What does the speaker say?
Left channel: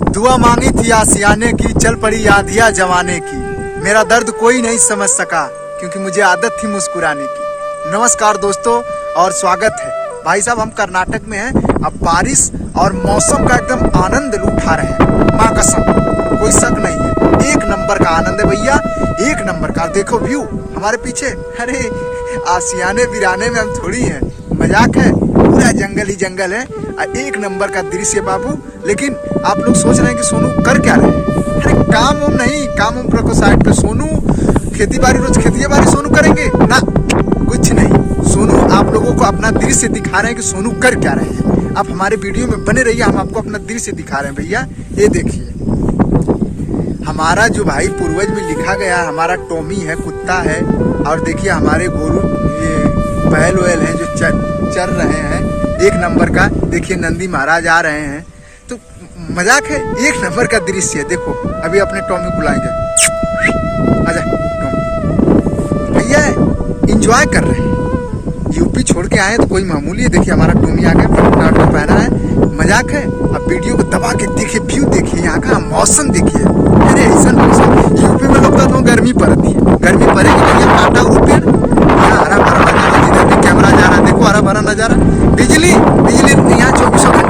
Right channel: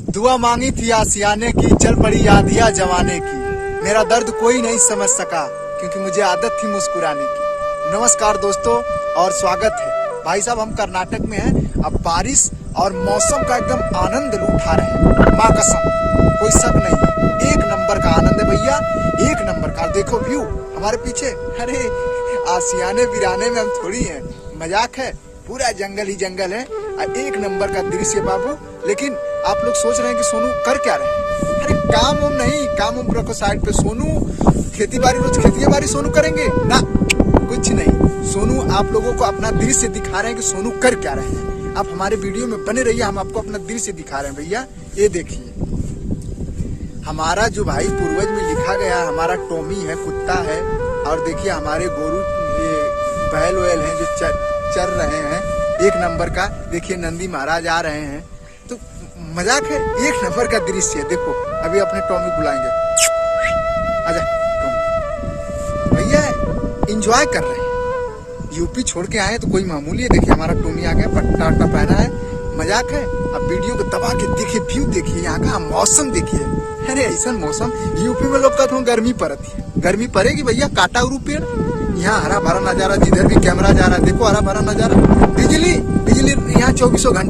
दुआ मांगी थी आसियाने की, चल पड़ी आधिया जमाने की। मेरा दर्द कोई नहीं समझ सका क्योंकि मुझे आदत थी मुस्कुराने की। नमस्कार दोस्तों और स्वागत है। भाई साहब हम कर्नाटक में हैं। अब बारिश और मौसम का एकदम आनंद उठा रहे हैं। माँ कसम कोई शक नहीं है, एक नंबर का आनंद है भैया, एक नंबर का। देखो व्यू हमारे पीछे, अरे आसियाने बिराने में हम थोड़ी हैं, मजाक है। पूरा जंगल ही जंगल है, एक नंबर का दृश्य बाबू। लेकिन आप लोग सोच रहे हैं कि सोनू कर क्या रहे हैं? अरे काम उम नहीं, काम उम रखो साइड पे। सोनू खेती बाड़ी, रोज खेती बाड़ी सोनू करेंगे ना, कुछ नहीं। सोनू आप लोगों को अपना दृश्य दिखा रहे हैं कि सोनू कर क्या रहे हैं। आप हमारे वीडियो में बने रहिए, हम आपको अपना दृश्य दिखा रहे हैं भैया। ये देखिए हमारा जो भाई पूर्वज में लिखा गया, हमारा टॉमी है, कुत्ता है। और देखिए हमारे गोरू, ये बैल वैल हैं जो चर रहे हैं, एक नंबर का। देखिए नंदी महाराज आ रहे हैं, तो मजाक है, एक नंबर का दृश्य है। देखो अभी अपने टॉमी बुलाएंगे, आजा टॉमी। भैया एंजॉय कर रहे हैं, यूपी छोड़ के आए तो कोई मामूली है। देखिए हमारा टॉमी आ गया, पट्टा पहना है, मजाक है। अब वीडियो को दबा के देखिए, व्यू देखिए, यहाँ का मौसम देखिए। अरे ऐसा मौसम यूपी में लोग तो गर्मी पड़ती है, गर्मी पड़ेगी तो यहाँ काटा उड़ते हैं। यहाँ हरा भरा नजारा, जिधर भी कैमरा जा रहा है देखो हरा भरा नजारा। बिजली बिजली यहाँ 24 घंटे